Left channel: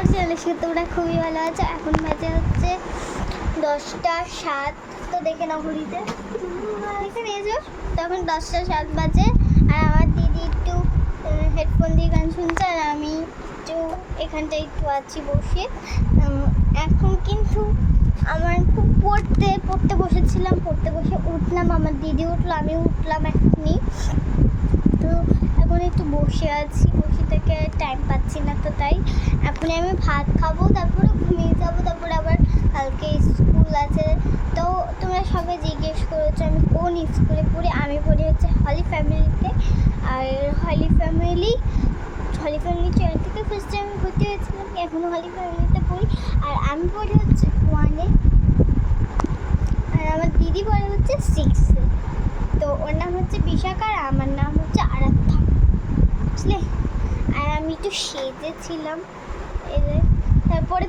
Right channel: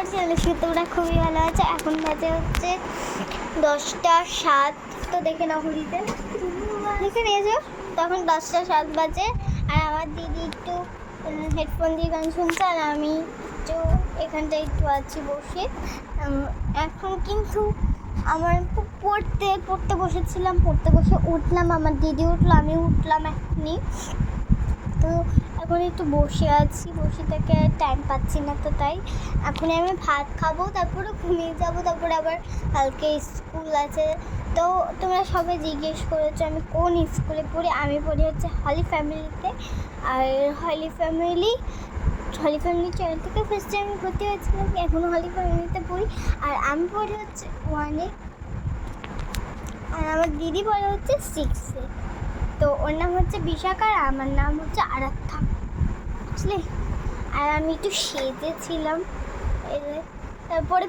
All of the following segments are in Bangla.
আমার চ্যানেলে তোমরা খুবই ভালো আছো। এখন বাজে হচ্ছে 10টা 7। তো দেখে নাও ঘড়িতে, দেখে নিয়েছো। তখন 10টা 7 বাজে। আর আমার দিদি একটু হেডফোন দিয়ে গান শুনছে, আর আমি একটু এখানটায় একটু আছি বসে। এখন কিন্তু আমার পড়তে বসেছিলাম, পড়তে বসে উঠলাম, আমার দিদি উঠলো, আমি উঠলাম এখনই। তো এখন একটু বসে আছি, বসে থেকে টাইম পাচ্ছি না, তো তাই এখনই আমি ভাত খাবো, তারপরে ঘুমিয়ে যাবো, তারপরে আবার কালকে স্কুল আছে। তো তোমরা সবাই জিজ্ঞেস করেছো আমি কোন স্কুলে পড়ি। আমি পড়ি হচ্ছে হলি ফ্যামিলিতে। আর হলি ফ্যামিলি চ্যানেল থেকে ফার্স্ট টাইম আমি ভর্তি হয়েছিলাম, এখনও হলি ফ্যামিলিতে পড়ি। আর আমি পড়ি হচ্ছে 1-এ, আর আমার দিদি পড়ে হচ্ছে 6-এ। তো ওর নাম হচ্ছে বিশাখা, আর আমার নাম হচ্ছে আরাধ্যা, বুঝলে। আর আমি একটু সেজেছিলাম, তারপরে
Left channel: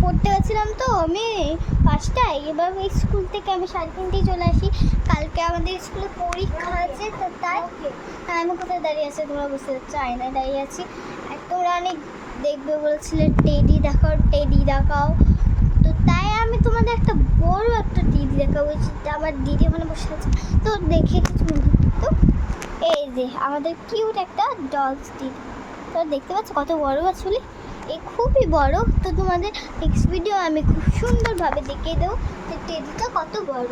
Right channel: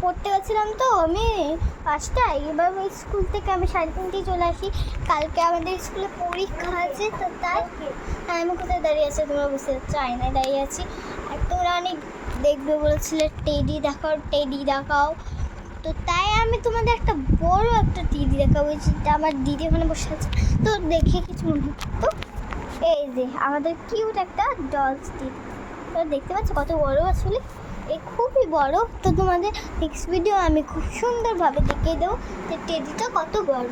পড়তে গেছিলাম। তো আমি 5টায়, এবার ওই স্কুল থেকে আমি 3:30 চলে আসি। কালকে আমাদের স্কুলে পরীক্ষা আছে, তো তাই আমি কোথায় দাঁড়িয়ে আছি তোমরা বুঝতে পারছো, আয়নায় দাঁড়িয়ে আছি। আর তোমরা অনেক দেখবে বলেছিলে টেডি দেখাও, তো তাই আমি তোমাদের একটা বড় একটা দিদি দেখাবো, যেটা আমার দিদি ওখানে বসে আছে। তো দেখে কিছু মনে হচ্ছে, তো এই যে আমাদের কিউট একটা ডলস দিদি, তো দেখতে পাচ্ছ কত বড় আসলে, এই খুবই বড়। তো তোমাদের নেক্সট ভিডিও আমি খুব সুন্দরভাবে দেখিয়ে দেবো যে টেডিটা কত বড়।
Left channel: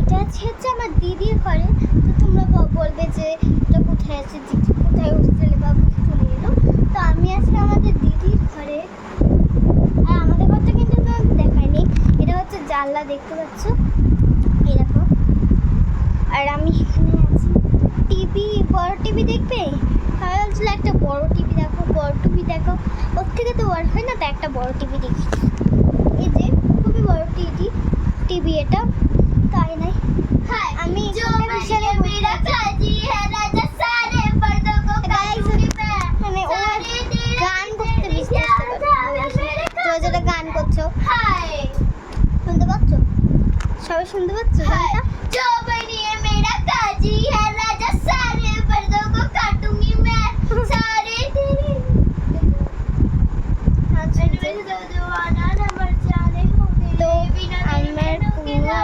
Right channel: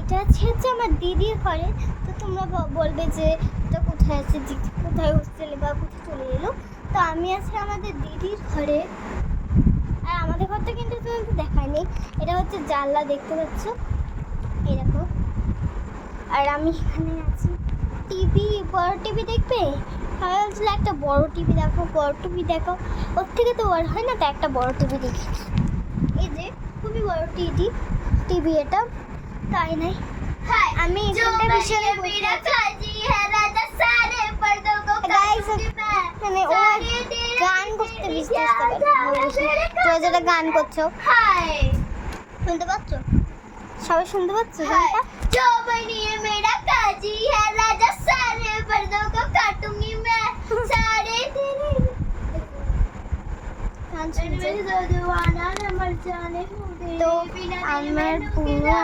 এটা হচ্ছে আমার দিদির ঘরে। তো তোমরা বলবে যে এটা কোথায় আছে, কোথায় হোস্টেলে বা কোথায় চলে এলো। তো আমি আছি আমাদের দিদির ঘরে। আর আমাদের ঘরটা কিন্তু তোমাকে দেখায়নি, এটা হচ্ছে জানলা, দেখতে পাচ্ছ এরকম। আর আমি এখানে আছি, বড় টিভি দেখবে, সবাই বলছিল একটা বড় টিভি দেখো, ওর থেকে তো বড় হয় না, তো একটা বড় টিভি দেখি। এই যে খুবই বড় টিভি এটা, তাই নাই আমি এখানটা বিশালে মানে ও গান করতে বুঝতে তো যেটা গান করছো শুনতে পাচ্ছ, সবাই শুনতে পাচ্ছ গানটা। जो बनिए मेरा काजी है राजा, सारे पर्दों को काटूंगी मैं, सारे तेरे तो আমার পুরো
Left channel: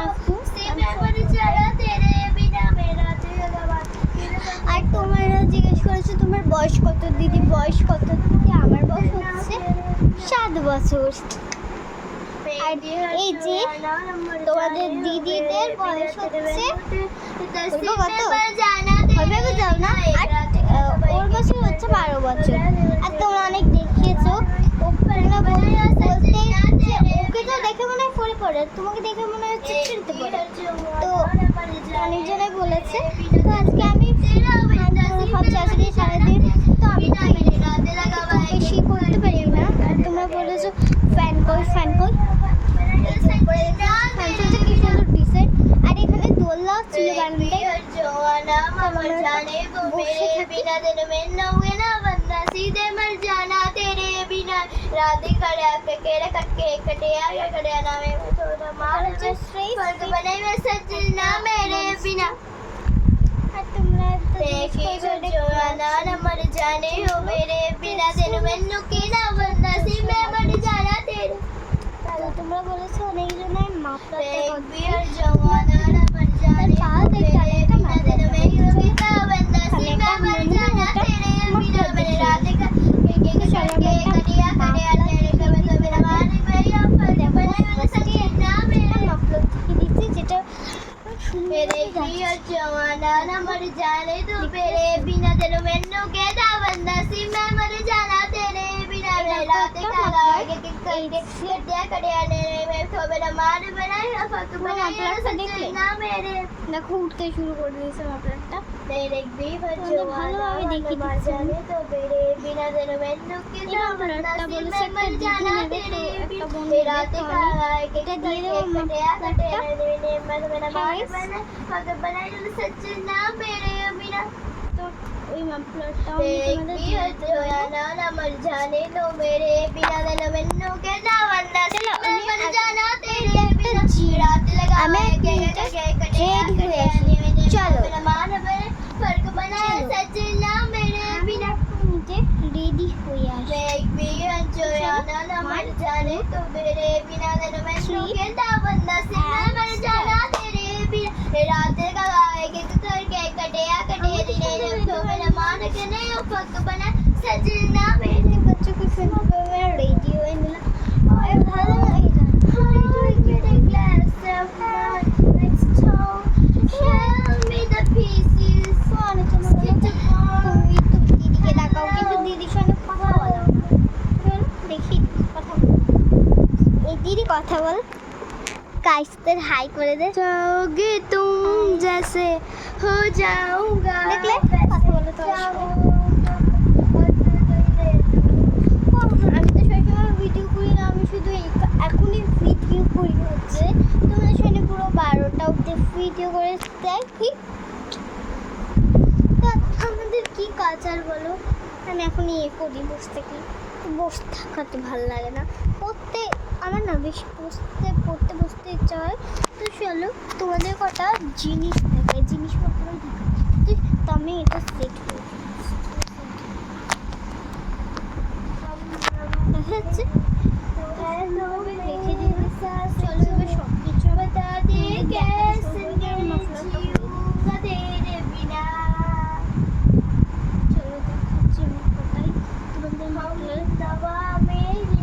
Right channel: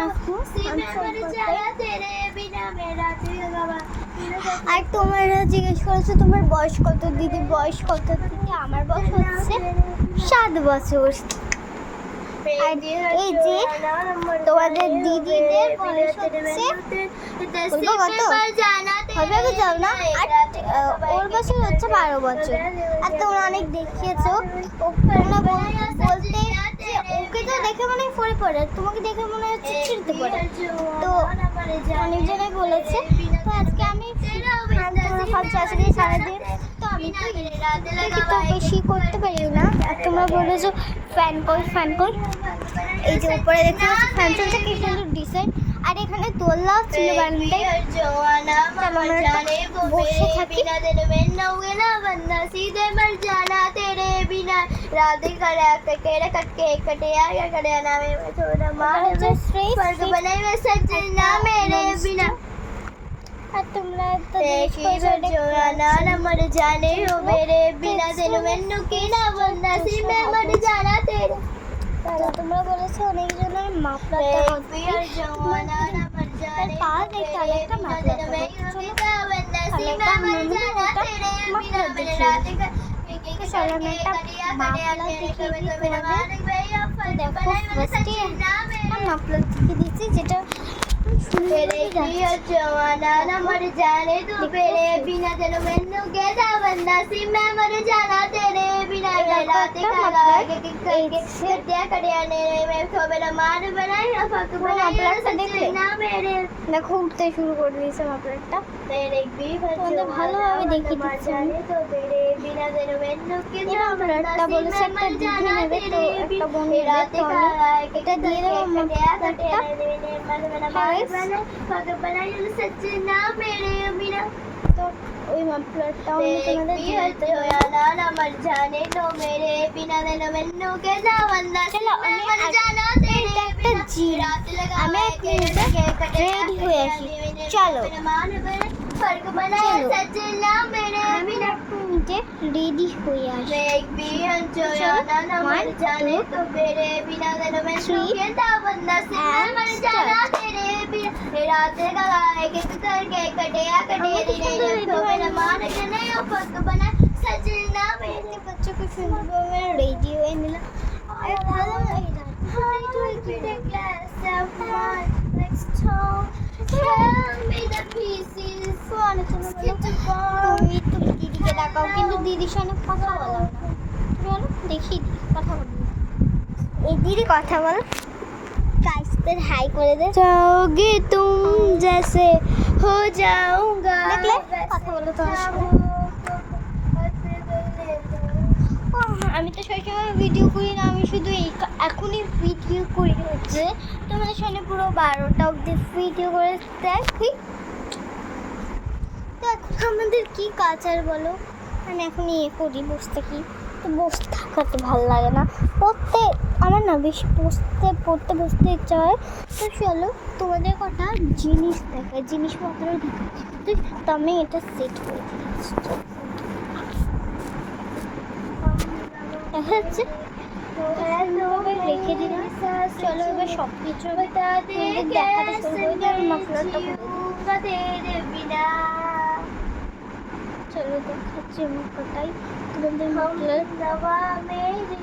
আর তোমরা জিজ্ঞেস করেছো তোমার বয়স কত দিদি, আমার বয়স হচ্ছে 7 বছর। আর এই যে তোমাদের দিদিদের বয়স হচ্ছে কত হবে তো যাও না, আর ওর বছর হচ্ছে 12 বছর। আর তোমরা অনেক দেখিয়েছো, তোমরা বলতে যে ওকে তো দেখে মনে হয় পড়ে, তোমাকে দেখে মনে হচ্ছে ছিঁড়তে পড়ে, তো অনেকজনে বলেছে। তো আজকে আমি তোমরা ভাবছো আসলে সারাদিন তো আমি তো বেশি করতে পারি না। আর তোমরা বলেছো ফ্যান কই, এই যে উপরে দেখতে ফ্যান চলছে, কি সুন্দর ডিজাইন। আর এখানে দোলনাও ছিল বারান্দায়, বসে থাকি। আর তোমরা তো জানে हो मेरे बिना दिल मैनू की ना बंदा सी मैं मर जाना तेरे। তো তোমরা বলেছো অনেকজনের মাফলারটা করবে, তার পা দেখতে আরেকটা মাফলার দেখি। চলো আমি একটা মাফলার দেখি, চলো আমি একটা মাফলার দেখিয়ে দিই তোমাদের। দেখো ফার্স্টে একটা মাফলার দেখিয়ে দিচ্ছি, যেটা मेरे पिया जवाना ना मर जाने तू मेरे बिना दिल मैनू कहता बंदा सी मैं मर जाना तेरे बिना रात काला के कड़िया कड़िया ने मैं तो मेरा मार बनाई फक माफलारটা দেখলে না मेरे দেখো উঠতে শুরু করে দিয়েছে মাফলারটা। मेरे भी ভালোভাবে দেখিয়ে দিচ্ছি আমি, তো मेरे बिना दिल मैनू की মাফলারটা বলেছে একটা দিদি নেবে, তো একটা বোন নেবে, তো আমি এটা দিয়ে দেবো মাফলারটা। তো ওই মাফলারটাও আমি তোমাদের দিয়ে দিতে পারি। চলো আমি একটা জিরা, আমি এক মিনিটে রেডি হয়ে আসি। চলো আমি এক মিনিটে এসে রেডি হয়ে আসে। तो मेरे बिना दिन में सो कहता बंदा से मर जाना तेरे बिना रात का गाए के तो करके कटिया कटिया दिने जब तो मेरा मान के नहीं हो पक बना सजना मेरे बच्चों को सुनने में रेडी हुए मिला और भाলো লাগে না Hi to a glass of wine next to tell me the pieces ফোনে চলো বলো তুমি তো দিদিকে ডাকাও কিন্তু দিদির সঙ্গে কথা বলো না বলো দেখি কথা বলো এই দিদি কথা বল গাইসদের হাই করে দে जाओगे तुम जैसे हो जाऊंगा দেখলে কথা বলো তোমার সাথে আমি তো সবসময় ভিডিও করি না আমি শুধু এখনই ভিডিও করি হচ্ছে তোমাদের সঙ্গে পুরো 12টা অবধি ভিডিও করে দেখি তো এখন আমাদের কি কাজ আর বলো আমি এখন ইয়ে করি বসে থাকি বসে থাকাতে ভালো লাগে না পড়তে আমার না বেশি পড়তে বসতে ইচ্ছা হয় তো চলো তোমাদের কথা জিনিস দেখায় জিনিসপত্র দেখায় তো আমি এটা সেট করে দেখা যাচ্ছে রেখে দিলাম চলো এবার সব কিছু बता दे कैसे মশলাটা जीऊंगा तेरे बिना চলো দেখাচ্ছি মুখটাই তোমাদের हम মশলা दवा मेरी